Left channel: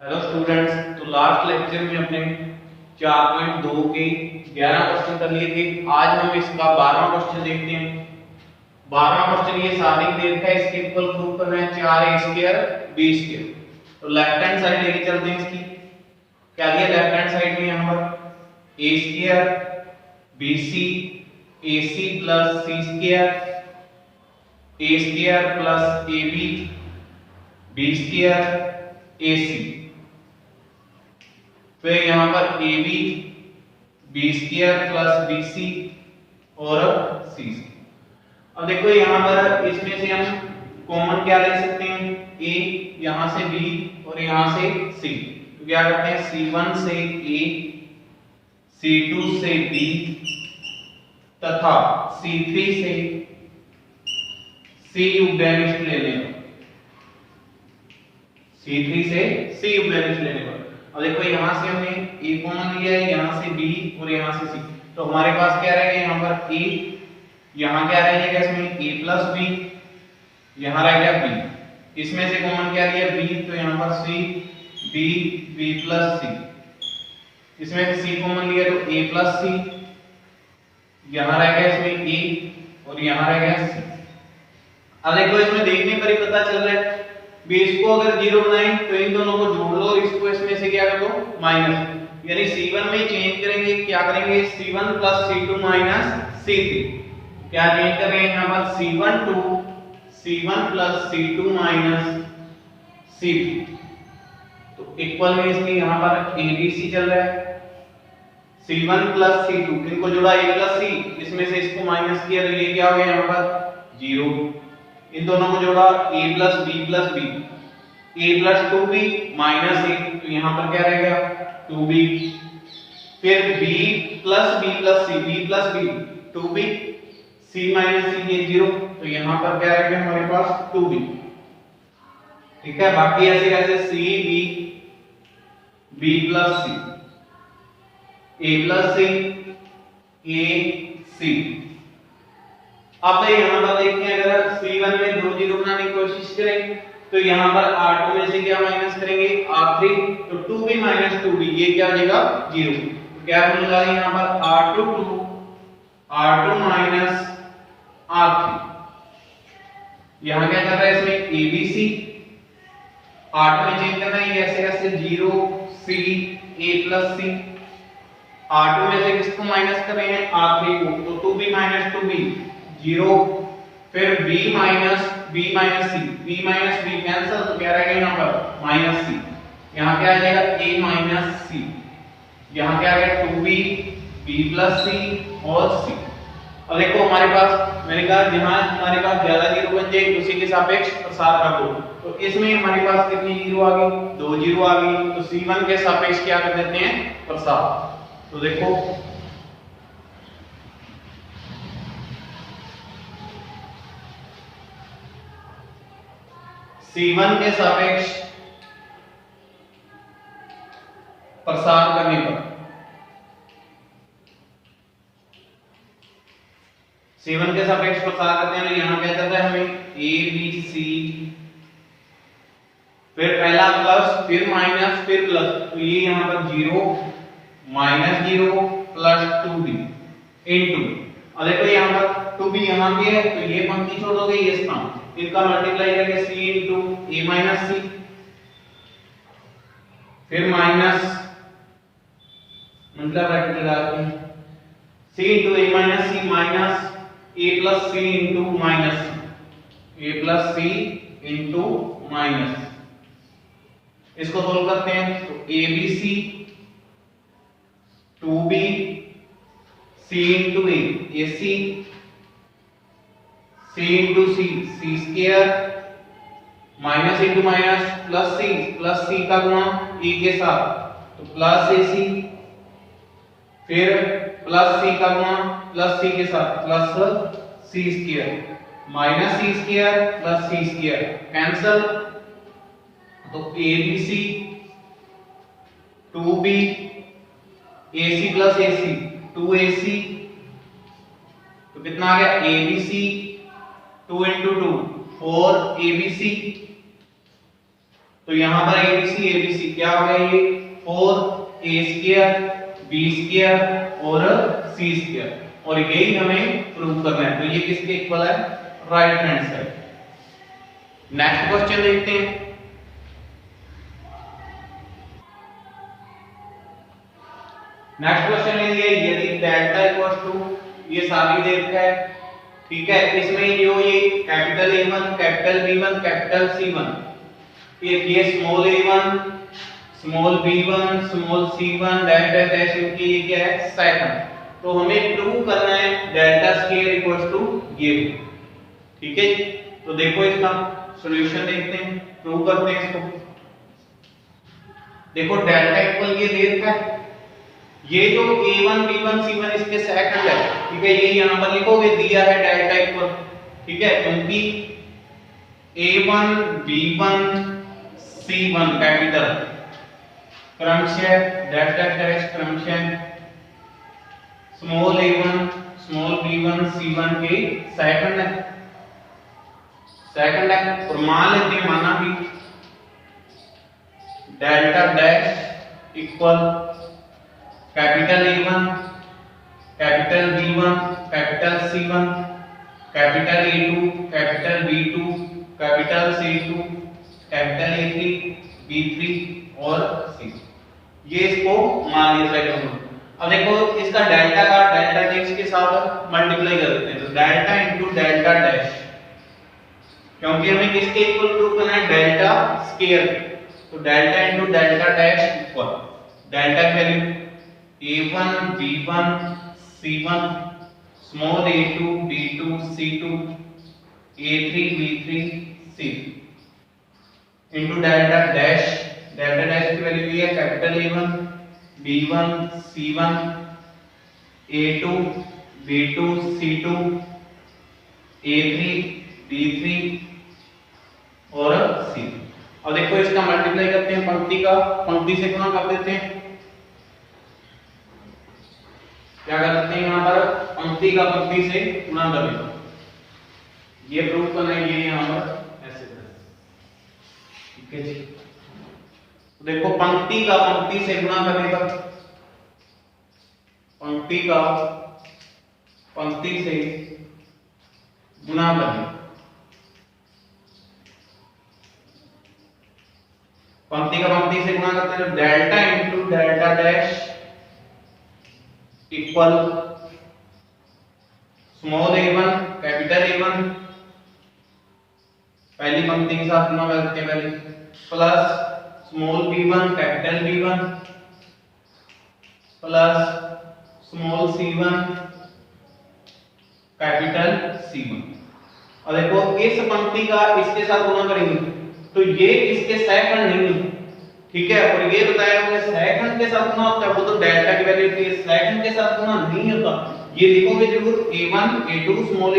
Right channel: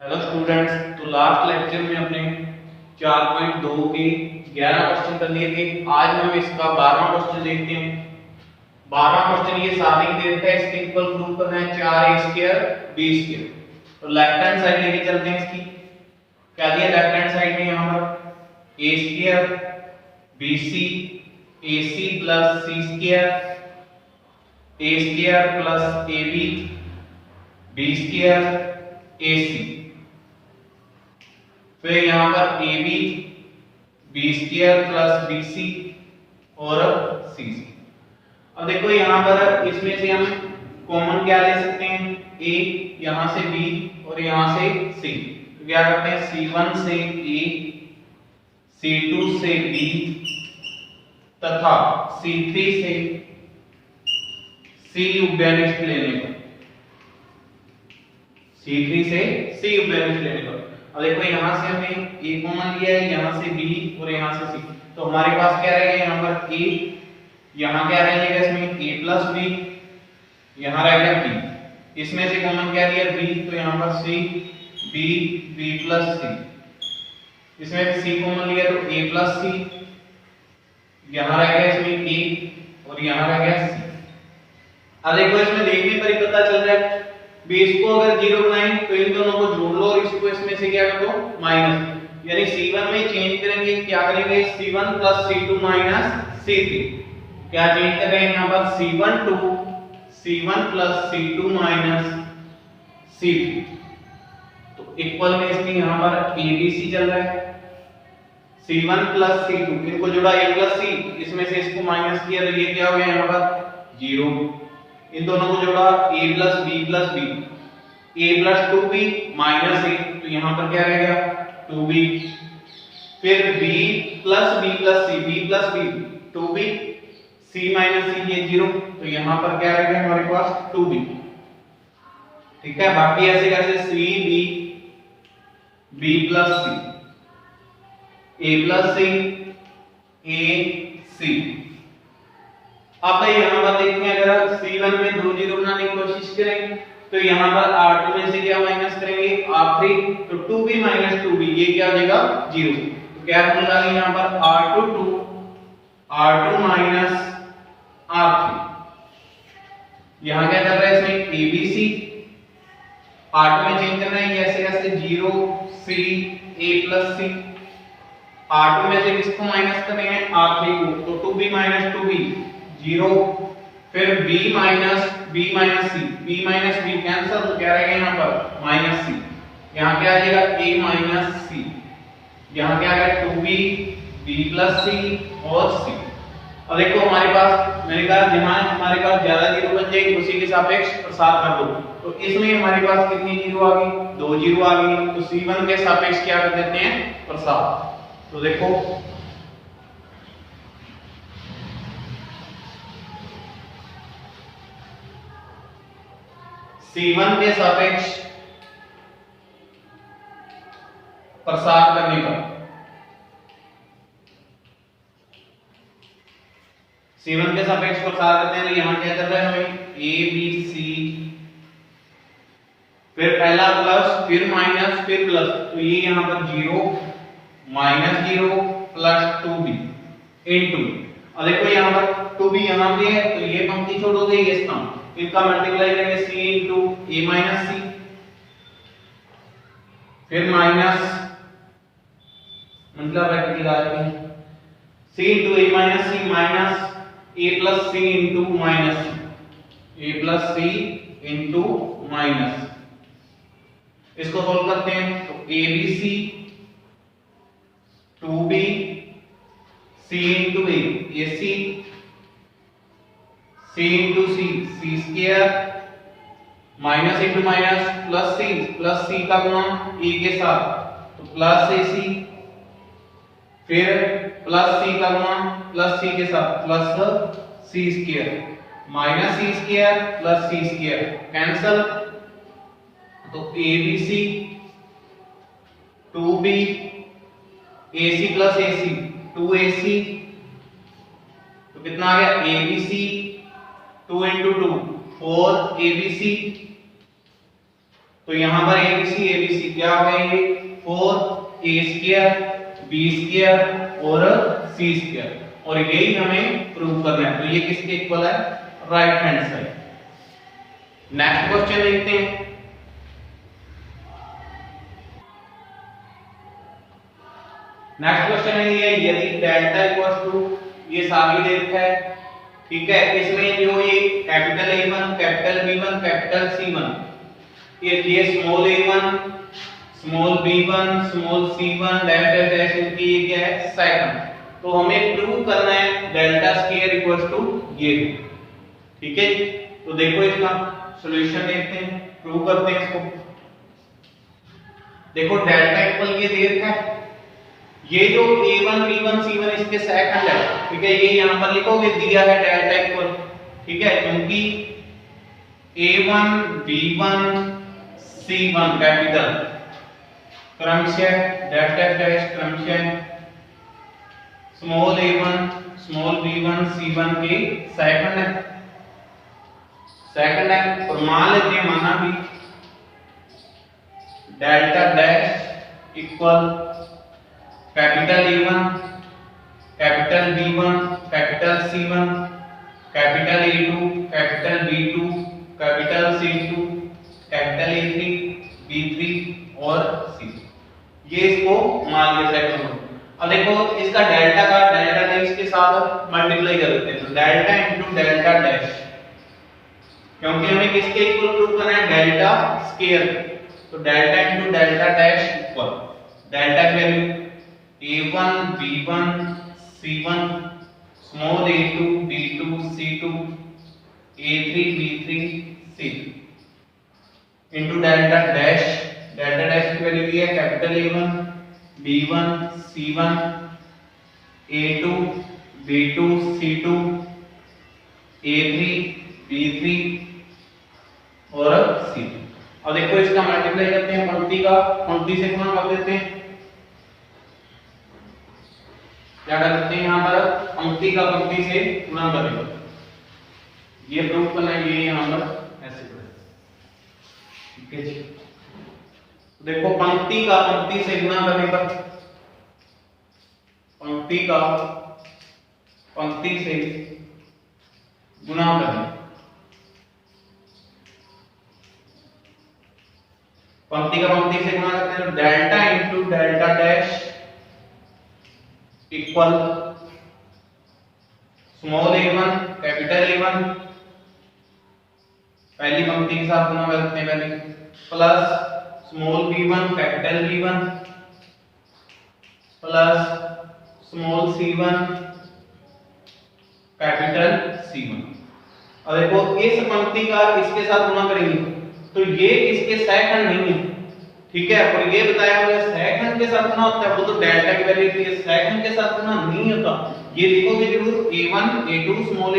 Hello students, तो last lecture में अपने 4.2 के 11 क्वेश्चन कर लिए थे। आज हम इसका 12वां क्वेश्चन देखते हैं। 12वां क्वेश्चन ये सारी ही देता है, इसके इक्वल प्रूव करना है 4a² b²। तो लेफ्ट हैंड साइड लेके चलते हैं। इसकी क्या दिया लेफ्ट हैंड साइड में, यहाँ पर a² bc ac plus c² a² plus ab b² ac। फिर यहाँ पर A B b² plus B C और सी सी। अब देखो यहाँ पर इसमें से हम कॉमन क्या ले सकते हैं, a यहाँ से b और यहाँ से c। तो क्या करते हैं, c1 से a c2 से b तथा c3 से c उभयनिष्ठ लेने पर, c3 से c उभयनिष्ठ लेने पर। अब देखो यहाँ से हमने a कॉमन लिया है, यहाँ से b और यहाँ से c। तो हमारे पास क्या रहेगा, यहाँ पर a, यहाँ क्या रह जाएगा इसमें a प्लस b, यहाँ रहेगा b। इसमें से कॉमन क्या लिया b, तो यहाँ पर c b b plus c। इसमें से c कॉमन लिया तो a प्लस c, यहाँ रहेगा इसमें a और यहाँ रहेगा c। अब देखो इसमें देखने पर ही पता चल रहा है, बेस को अगर 0 बनाएं तो इन दोनों को जोड़ लो और इसको इसमें से क्या कर दो, माइनस। यानी c1 में चेंज करेंगे, क्या करेंगे, c1 plus c2 minus c3। क्या चेंज कर रहे हैं यहाँ पर, c1 to c1 plus c2 minus c3। तो इक्वल में इसकी यहाँ पर abc चल रहा है, c1 प्लस c2 इनको जोड़ा a प्लस c, इसमें से इसको माइनस किया तो ये क्या हो गया यहाँ पर 0। इन दोनों को जोड़ा a plus b plus b, a plus 2b minus a, तो यहाँ पर क्या रहेगा 2b। फिर b plus b plus c, b plus b 2b, c minus c ये 0, तो यहाँ पर क्या रहेगा हमारे पास 2b। ठीक है, बाकी ऐसे कैसे c b b plus c, a plus c a c। अब यहाँ पर देखते हैं, अगर c1 में 2 जीरो बनाने की कोशिश करें तो यहाँ पर r2 में से क्या माइनस करेंगे, r3, तो 2b माइनस 2b ये क्या हो जाएगा 0। तो क्या होने वाला है यहाँ पर r2 to r2 minus r3। यहाँ क्या चल रहा है इसमें abc, r2 में चेंज करना है, ऐसे ऐसे 0 c a plus c। r2 में से किसको माइनस कर रहे हैं, r3 को, तो 2b माइनस 2b 0। फिर b minus b minus c, b minus b cancel, तो क्या रहेगा यहाँ पर माइनस c। यहाँ क्या आ जाएगा a माइनस c, यहाँ क्या आ गया 2b b प्लस c और c। अब देखो हमारे पास, मैंने कहा जहां हमारे पास ज्यादा जीरो बन जाए उसी के सापेक्ष प्रसार कर दो। तो इसमें हमारे पास कितनी जीरो आ गई, 2 जीरो आ गई, तो c1 के सापेक्ष क्या कर देते हैं प्रसार। तो देखो c1 के सापेक्ष प्रसार करने पर, c1 के सापेक्ष प्रसार करते हैं, यहाँ क्या चल रहा है हमें a b c, फिर पहला प्लस फिर माइनस फिर प्लस, तो ये यहाँ पर 0 माइनस 0 प्लस 2b इनटू। और देखो यहाँ पर 2b यहाँ पे है तो ये पंक्ति छोड़ोगे ये स्थान, इनका मल्टीप्लाई करेंगे c into a minus c, फिर माइनस मतलब ब्रैकेट लगा दें c into a minus c minus a plus c into minus c, a plus c into minus. इसको सोल्व करते हैं तो abc 2b c into a ac, c into c c square, minus into minus plus c का गुणा e के साथ, तो plus ac, फिर प्लस c का गुणा प्लस c के साथ plus c square, minus c square plus c square cancel, तो abc 2b ac plus ac 2ac, तो कितना आ गया abc 2 into 2 4 abc तो यहाँ पर ABC क्या हो गया, ये 4A² B² और C², और यही हमें प्रूव करना है। तो ये किसके इक्वल है, right hand side. Next question देखते हैं। नेक्स्ट क्वेश्चन है ये, यदि डेल्टा इक्वल टू, ये सारी दे रखा है, ठीक है, इसमें जो ये capital A1 capital B1 capital C1, ये small a1 small b1 small c1 dash dash dash, इनकी ये क्या है, सेकंड। तो हमें प्रूव करना है डेल्टा स्क्वायर इक्वल्स टू ये, ठीक है। तो देखो इसका सॉल्यूशन देखते हैं, प्रूव करते हैं इसको। देखो डेल्टा इक्वल ये दे रखा है, ये जो a1 b1 c1 इसके सेकंड है, ठीक है, ये यहां पर लिखोगे, दिया है डेल्टा इक्वल, ठीक है, क्योंकि a1 b1 c1 कैपिटल क्रमशः डैश डैश डैश क्रमशः small a1 small b1 c1 के सेकंड है, और मान लेते हैं, माना भी delta dash equal capital A1 capital B1 capital C1 capital A2 capital B2 capital C2 capital A3 B3 और C, ये इसको मान लिया सेकंड। अब देखो इसका डेल्टा का डेल्टा डैश के साथ मल्टीप्लाई करते हैं, तो डेल्टा इनटू डेल्टा डैश, क्योंकि हमें किसके इक्वल प्रूव करना है, डेल्टा स्क्वायर, तो delta into delta dash equal delta की value a1 b1 c1 small a2 b2 c2 a3 b3 c into delta dash की वैल्यू ये है capital A1 b1 c1 a2 b2 c2 a3 b3 और c। अब देखो इसका multiply करते हैं, पंक्ति से गुणा कर देते हैं, क्या कर सकते हैं यहाँ पर, पंक्ति का पंक्ति से गुणा कर देते, ये प्रूफ करना है, ये यहाँ पर ऐसे करें, ठीक है जी। देखो पंक्ति का पंक्ति से गुणा करने पर, पंक्ति का पंक्ति से गुणा करें, पंक्ति का पंक्ति से गुणा करते हैं, तो delta into delta dash equal small a1 capital A1 पहली पंक्ति के साथ गुणा करते हैं पहले, plus small b1 capital B1 plus small c1 capital C1। अब देखो इस पंक्ति का इसके साथ गुणा करेंगे, तो ये इसके सेकंड नहीं है, ठीक है, और ये बताया हुआ है सेकंड के साथ गुणा होता है, वो तो डेल्टा की वैल्यू होती है, सेकंड के साथ गुणा नहीं होता। ये लिखोगे जरूर a1 a2 small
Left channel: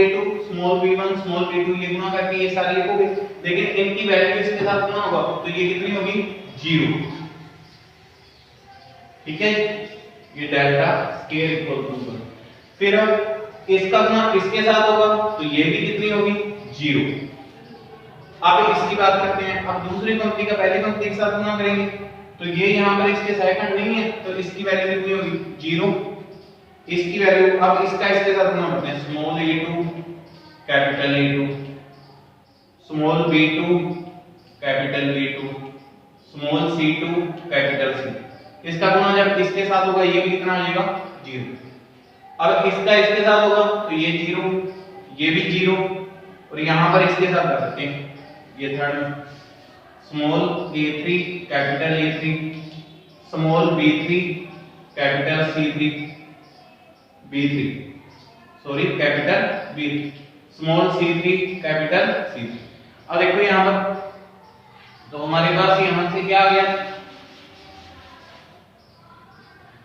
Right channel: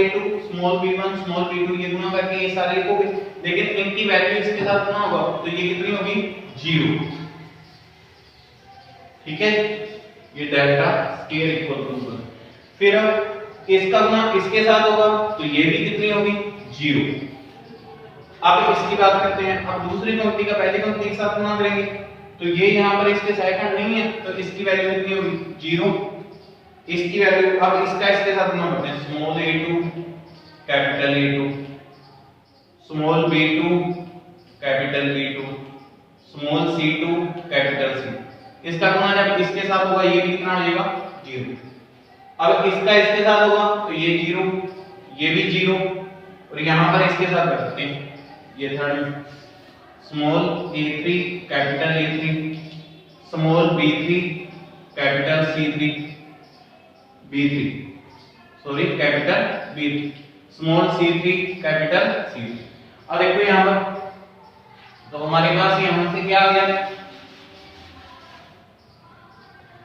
b1 small b2, ये गुणा करके ये सारे लिखोगे, लेकिन इनकी वैल्यू इसके साथ गुणा होगा, तो ये कितनी होगी, 0, ठीक है। ये डेल्टा स्क्वायर इक्वल टू, फिर इसका गुणा इसके साथ होगा, तो ये भी कितनी होगी, 0। अब इसकी बात करते हैं, अब दूसरी पंक्ति का पहली पंक्ति के साथ गुणा करेंगे, तो ये यहाँ पर इसके सेकंड नहीं है, तो इसकी वैल्यू कितनी होगी, 0। इसकी वैल्यू, अब इसका इसके साथ गुणा करते हैं, small a2 capital A2 small b2 capital B2 small c2 capital C, इसका गुणा जब इसके साथ होगा, ये भी कितना आ जाएगा, 0। अब इसका इसके साथ होगा, तो ये 0, ये भी 0, और यहां पर इसके साथ कर सकते हैं, ये third small a3 capital A3 small b3 capital C3 b3 sorry capital B3 small c3 capital C3। अब देखो यहां पर, तो हमारे पास यहां से क्या आ गया,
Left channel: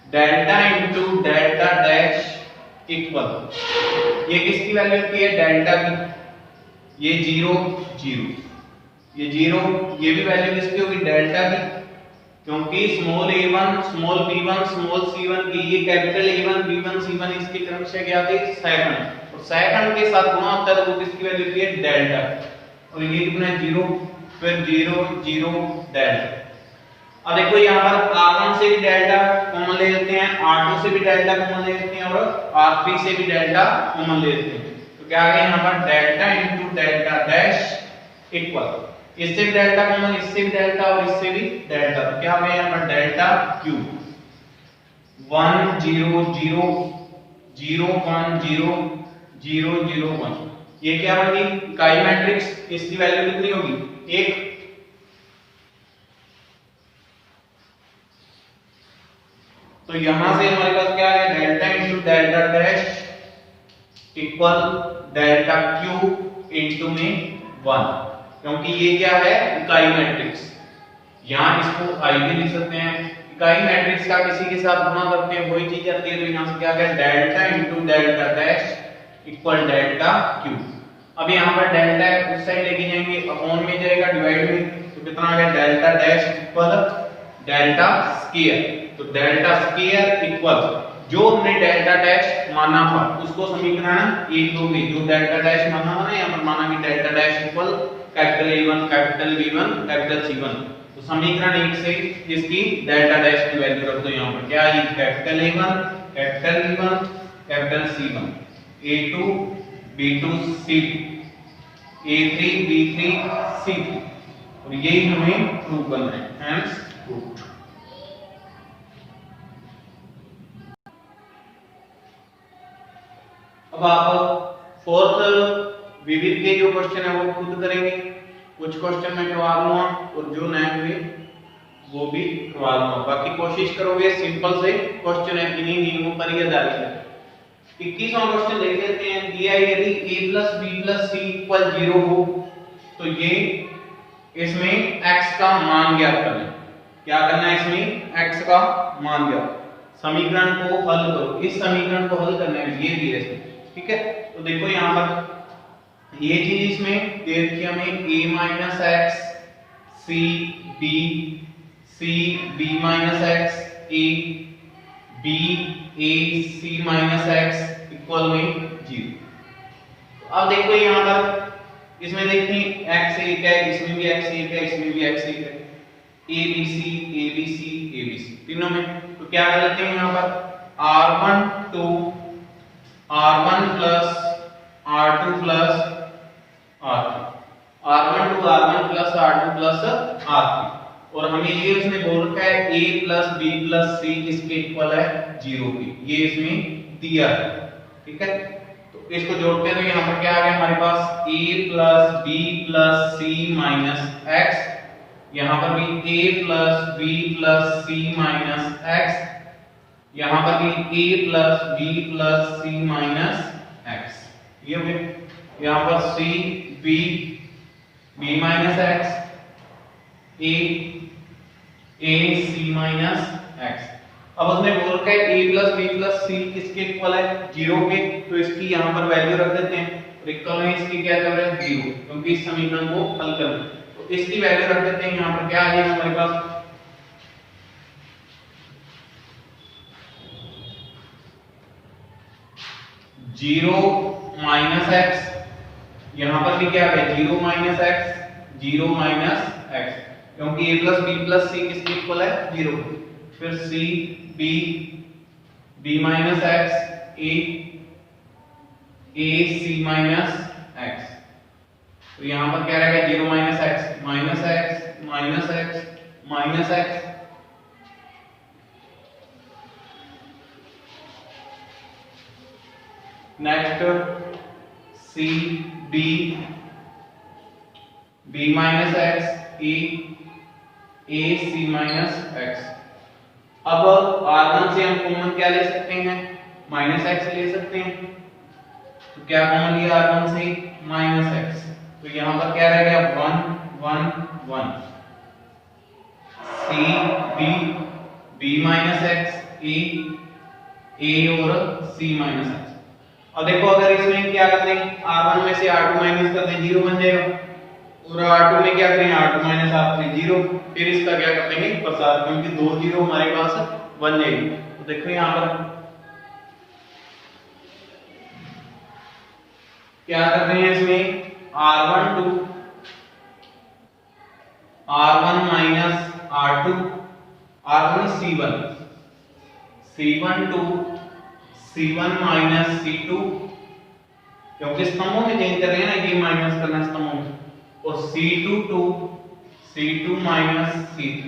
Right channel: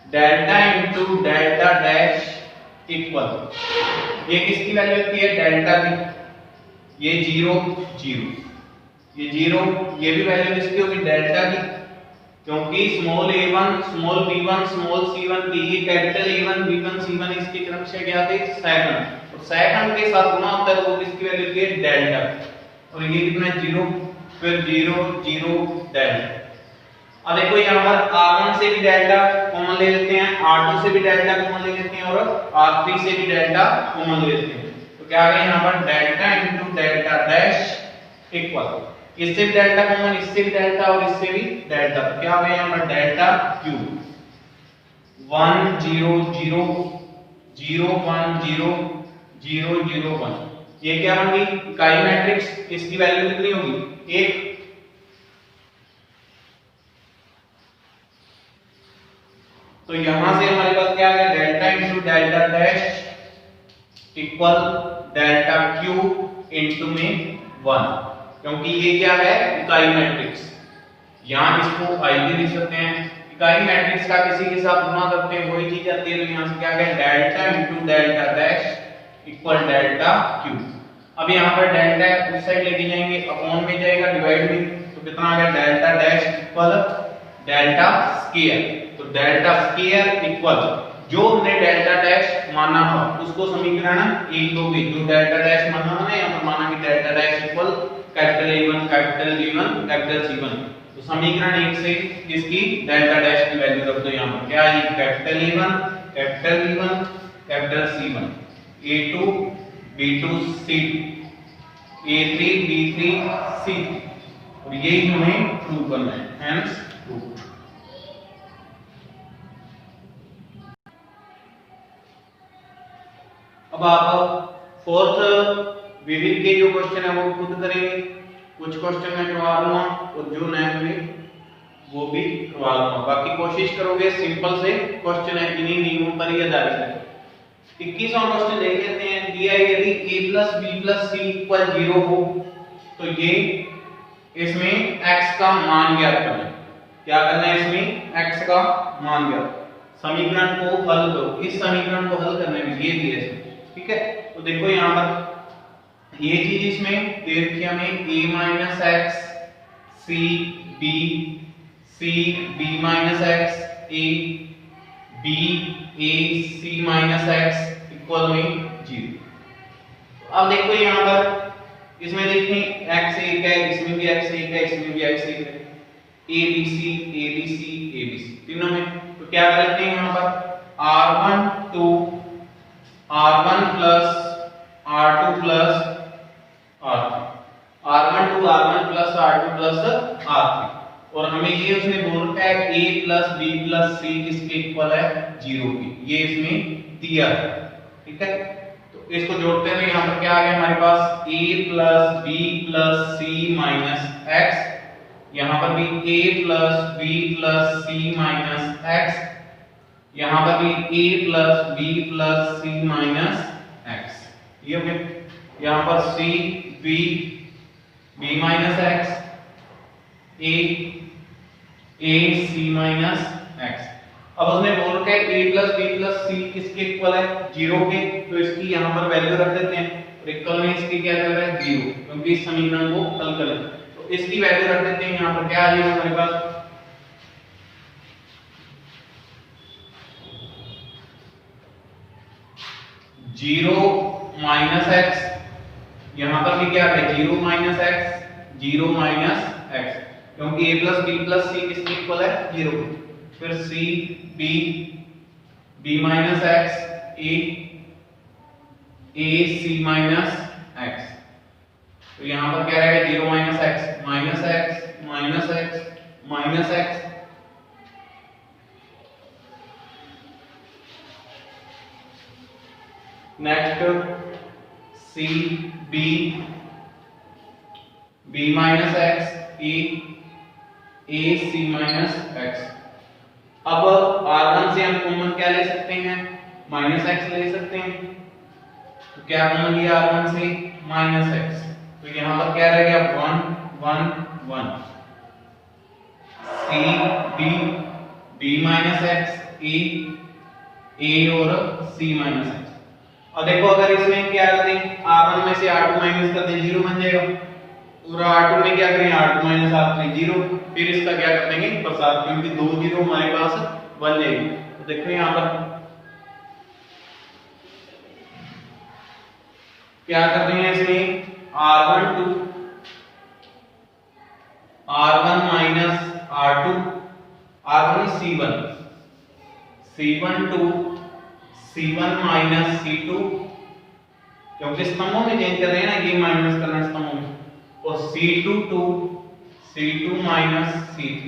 delta into delta dash equal, ये किसकी वैल्यू होती है, डेल्टा की, ये 0 0, ये 0, ये भी वैल्यू किसकी होगी, डेल्टा की, क्योंकि small a1 small b1 small c1 की, ये कैपिटल A1 b1 c1 इसके क्रमशः क्या थे, सेकंड, और सेकंड के साथ गुणा होता है, वो किसकी वैल्यू होती है, डेल्टा, और ये कितना है, 0, फिर 0 0 डेल्टा। अब देखो यहाँ पर R1 से भी डेल्टा कॉमन ले लेते हैं, R2 से भी डेल्टा कॉमन ले लेते हैं और R3 से भी डेल्टा कॉमन ले लेते हैं। तो क्या आ गया यहाँ पर delta into delta dash equal, इससे भी डेल्टा कॉमन, इससे भी डेल्टा और इससे भी डेल्टा, तो क्या आ गया यहाँ पर डेल्टा क्यू 1 0 0 0 1 0 0 0 1। ये क्या बन गई इकाई मैट्रिक्स, इसकी वैल्यू कितनी होगी 1। तो यहां से हमारे पास क्या आ गया delta into delta dash equal delta Q into में 1, क्योंकि ये क्या है इकाई मैट्रिक्स, यहां इसको आई भी लिख सकते हैं। इकाई मैट्रिक्स का किसी के साथ गुणा करके वही चीज आती है, तो यहां से क्या आ गया delta into delta dash equal delta Q. अब यहां पर डेल्टा है उस साइड लेके जाएंगे, अपॉन में जाएगा डिवाइड में, तो कितना आ गया delta dash equal delta square. तो डेल्टा स्क्वायर इक्वल जो हमने डेल्टा डैश माना था उसको समीकरण 1 2 में जो डेल्टा डैश माना है यहां पर माना कि delta dash equal capital A1 capital B1 capital C1। तो समीकरण 1 से इसकी डेल्टा डैश की वैल्यू रख दो, यहां पर क्या है capital A1 capital B1 capital C1 A2 B2 C2 A3 B3 C3, और यही हमें प्रूव करना है, हेंस प्रूव्ड। अब आप फोर्थ विविध के जो क्वेश्चन है वो खुद करेंगे, कुछ क्वेश्चन मैं करवा दूंगा और जो नए हुए वो भी करवा दूंगा। बाकी कोशिश करोगे सिंपल से क्वेश्चन है, इन्हीं नियमों पर ही आधारित है। 21वां क्वेश्चन देख लेते हैं। दिया यदि a + b + c = 0 हो तो ये इसमें x का मान ज्ञात करना है। क्या करना है इसमें x का मान ज्ञात, समीकरण को हल करो। इस समीकरण को हल करने में ये दिया है, ठीक है। तो देखो यहां पर ये चीज इसमें दे रखी है हमें a - x c b c b - x a b a c - x equal में 0। अब देखो यहां पर इसमें देखते हैं x एक है, इसमें भी x एक है, इसमें भी x एक है, a b c a b c a b c तीनों में। तो क्या करते हैं यहां पर r1 2 r1 plus r2 plus r3 r1 to r1 plus r2 plus r3, और हमें ये उसने बोल रखा है a plus b plus c किसके इक्वल है 0 के, ये इसमें दिया है, ठीक है। तो इसको जोड़ते हैं तो यहाँ पर क्या आ गया हमारे पास a plus b plus c minus x, यहाँ पर भी a plus b plus c minus x, यहां पर भी a plus b plus c minus x, ये हो गया। यहां पर c b b minus x a a c minus x। अब उसने बोल रखा है a plus b plus c किसके इक्वल है 0 के, तो इसकी यहां पर वैल्यू रख देते हैं, और इक्वल में इसकी क्या कर रहे हैं 0, क्योंकि इस समीकरण को हल कर रहे हैं। तो इसकी वैल्यू रख देते हैं, यहां पर क्या आ जाएगा हमारे पास 0 माइनस x, यहां पर भी क्या है 0 माइनस x 0 माइनस x, क्योंकि a plus b plus c किसके इक्वल है 0। फिर c b b minus x a a c minus x, तो यहां पर क्या रहेगा 0 minus x minus x minus x minus x, next c b b minus x a c minus x। अब r1 से हम कॉमन क्या ले सकते हैं माइनस x ले सकते हैं, तो क्या कॉमन लिया r1 से माइनस x, तो यहां पर क्या रहेगा 1 1 1 c b b minus x a और c माइनस x। अब देखो अगर इसमें क्या करते हैं r1 में से r2 माइनस कर दें 0 बन जाएगा, और r2 में क्या करें r2 माइनस r3 0, फिर इसका क्या कर देंगे प्रसार, क्योंकि 2 0 हमारे पास बन जाएगी। तो देखो यहां पर क्या कर रहे हैं इसमें r1 to R1 minus R2, R1 C1, C1 to C1 minus C2, क्योंकि स्तंभों में चेंज कर रहे हैं ना, ये माइनस करना है स्तंभों में, और C2 to C2 minus C3,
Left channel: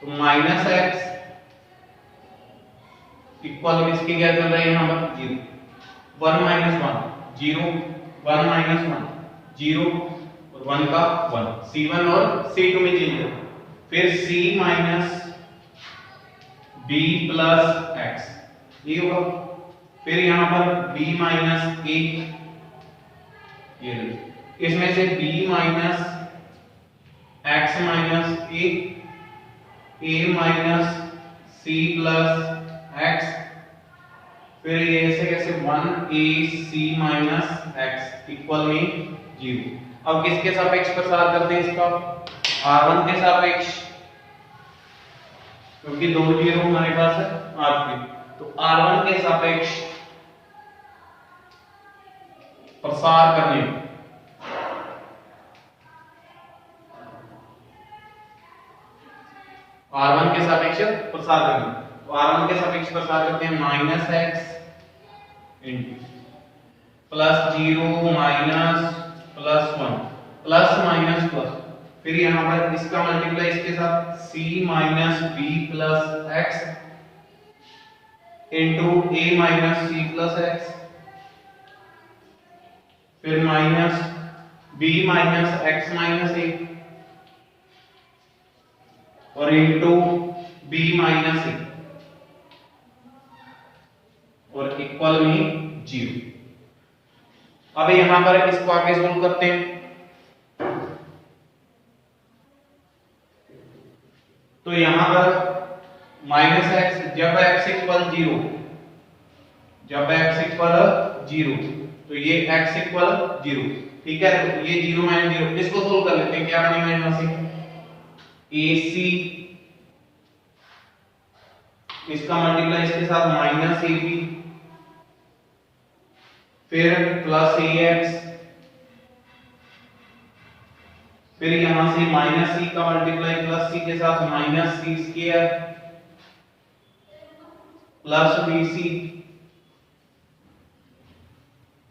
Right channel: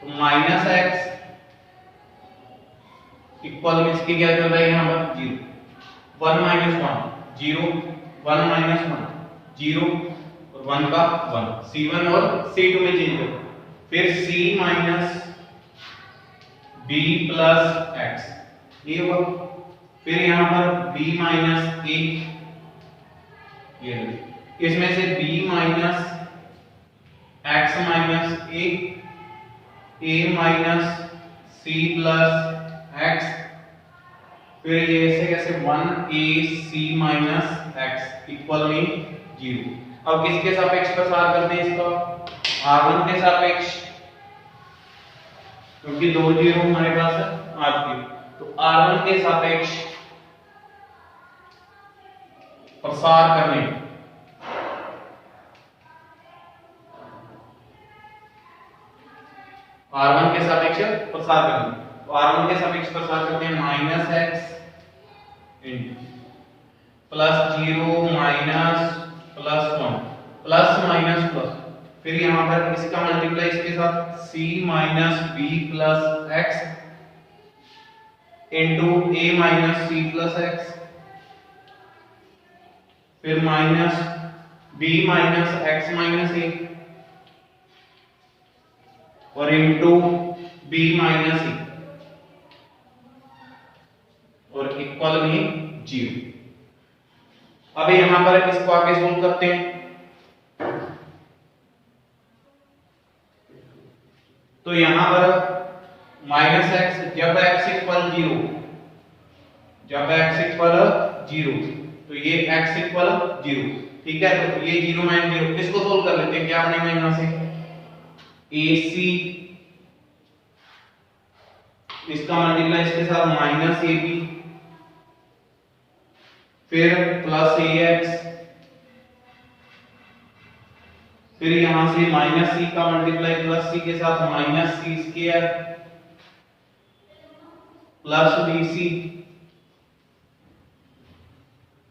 तो माइनस x इक्वल में इसके क्या चल रहा है यहाँ पर 0, 1 माइनस 1 0, 1 माइनस 1 0 और 1 का 1, C1 और C2 में चेंज हो, फिर C minus B plus x ये होगा, फिर यहाँ पर B माइनस A, ये इसमें से B minus x minus A minus C plus x, फिर ये ऐसे कैसे 1AC माइनस x इक्वल में 0। अब किसके सापेक्ष प्रसार करते हैं इसका, R1 के सापेक्ष, क्योंकि दो जीरो हमारे पास है R2, तो R1 के सापेक्ष प्रसार करने, R1 के सापेक्ष प्रसार करने, तो R1 के सापेक्ष प्रसार करते हैं minus x plus 0 minus plus 1 plus minus plus, फिर यहाँ पर इसका मल्टीप्लाई इसके साथ C minus B plus x into A minus C plus x, फिर minus B minus x minus A और इंटू B माइनस A और इक्वल में 0। अब यहां पर इसको आगे सोल्व करते हैं, तो यहां पर माइनस x जब x इक्वल 0, जब x इक्वल 0 तो ये x इक्वल 0, ठीक है, तो ये 0 माइनस 0, इसको सोल्व कर लेते हैं, क्या बनेगा यहां से AC, इसका मल्टीप्लाई इसके साथ माइनस AB, फिर प्लस AX, फिर यहां से माइनस C का मल्टीप्लाई प्लस C के साथ minus C square plus BC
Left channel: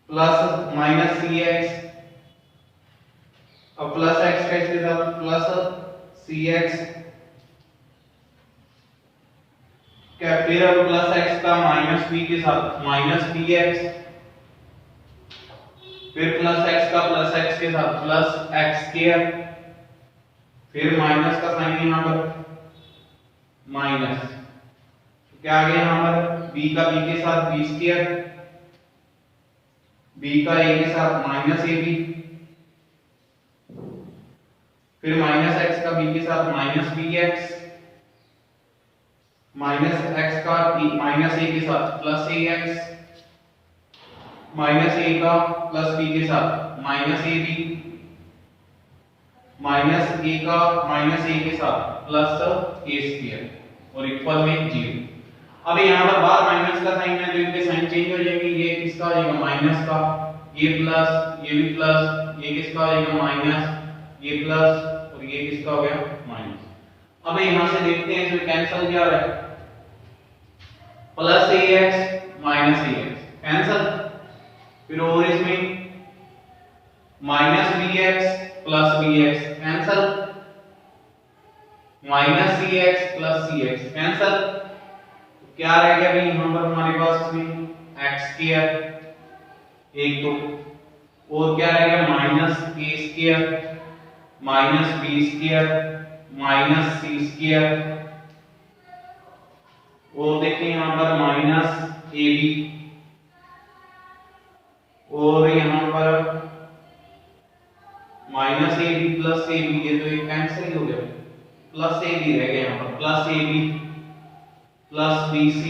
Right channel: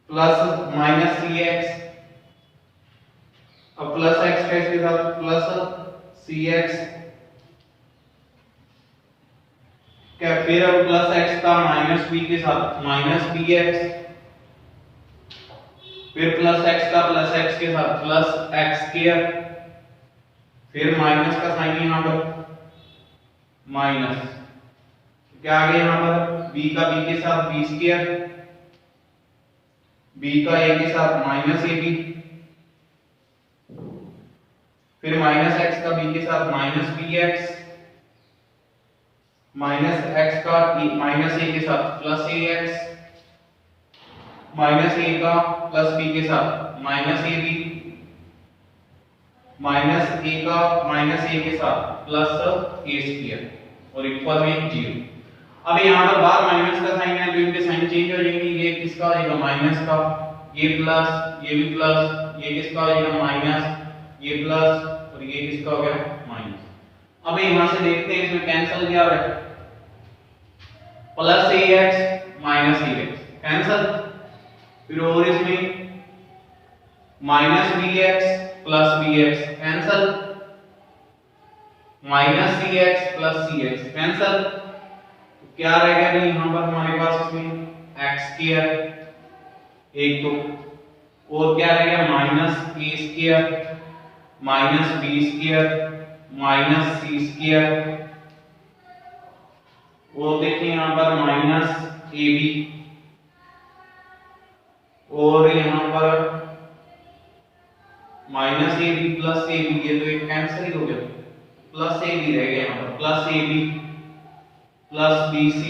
plus minus CX, अब प्लस x का इसके साथ प्लस CX, क्या, फिर अब प्लस x का माइनस B के साथ माइनस BX, फिर प्लस x का प्लस x के साथ प्लस x स्क्वायर, फिर माइनस का साइन यहां पर माइनस, क्या आ गया यहां पर b का b के साथ b स्क्वायर, b का a के साथ माइनस ab, फिर माइनस x का b के साथ माइनस bx, माइनस x का माइनस a के साथ प्लस ax, माइनस a का प्लस b के साथ माइनस ab, माइनस a का माइनस a के साथ प्लस a स्क्वायर और इक्वल में 0। अब यहाँ पर बाहर माइनस का साइन है तो इनके साइन चेंज हो जाएंगे, ये किसका हो जाएगा माइनस का, ये प्लस, ये भी प्लस, ये किसका हो जाएगा माइनस, ये प्लस और ये किसका हो गया माइनस। अब यहां से देखते हैं इसमें कैंसिल क्या हो रहा है, plus ax minus ax cancel, फिर और इसमें minus bx plus bx cancel, minus cx plus cx cancel, तो क्या रह गया भाई यहां पर हमारे पास इसमें x स्क्वायर एक तो, और क्या रहेगा minus a square minus b square minus c square, और देखिए यहां पर माइनस ab, और यहां पर माइनस ab प्लस ab, ये तो एक कैंसिल ही हो गया, प्लस ab रह गया यहां पर, plus ab plus bc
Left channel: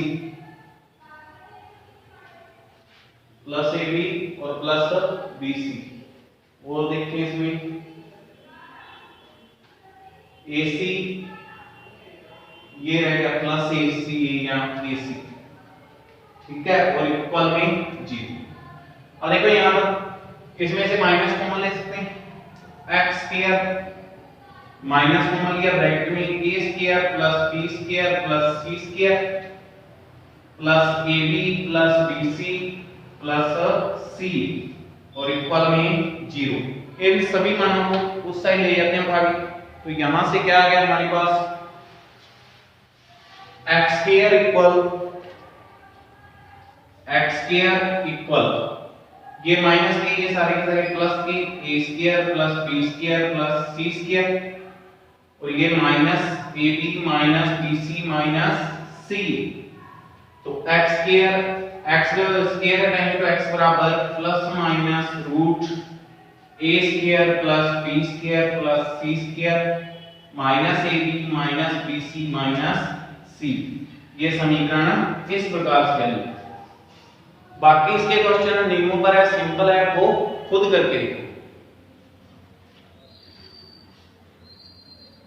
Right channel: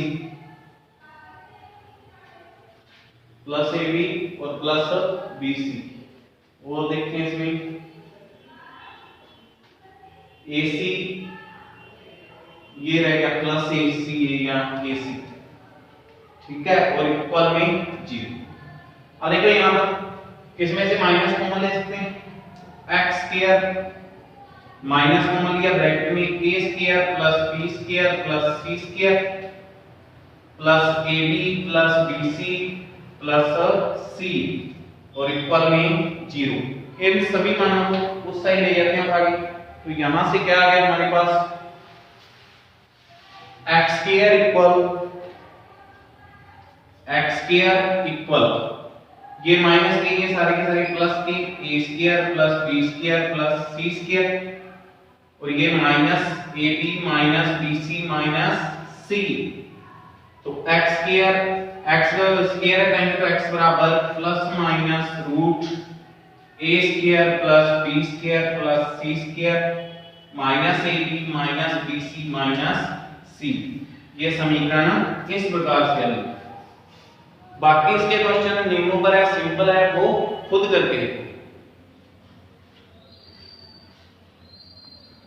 plus ab और प्लस bc, और देखते हैं इसमें ac, ये रह गया प्लस ac या ac, ठीक है, और इक्वल में 0। और देखो यहां पर इसमें से माइनस कॉमन ले सकते हैं, x स्क्वायर माइनस कॉमन लिया, ब्रैकेट में a square plus b square plus c square plus ab plus bc plus c और इक्वल में 0। इन सभी मानों को उस साइड ले जाते हैं भागी। तो यहां से क्या आ गया हमारे पास x स्क्वायर इक्वल ये माइनस के ये सारे के सारे प्लस के a square plus b square plus c square और ये minus ab minus bc minus c। तो x स्क्वायर x का स्क्वायर है टाइम तो x बराबर plus minus root a square plus b square plus c square minus ab minus bc minus c। ये समीकरण इस प्रकार से हल। बाकी इसके क्वेश्चन नियमों पर है, सिंपल है, वो खुद करके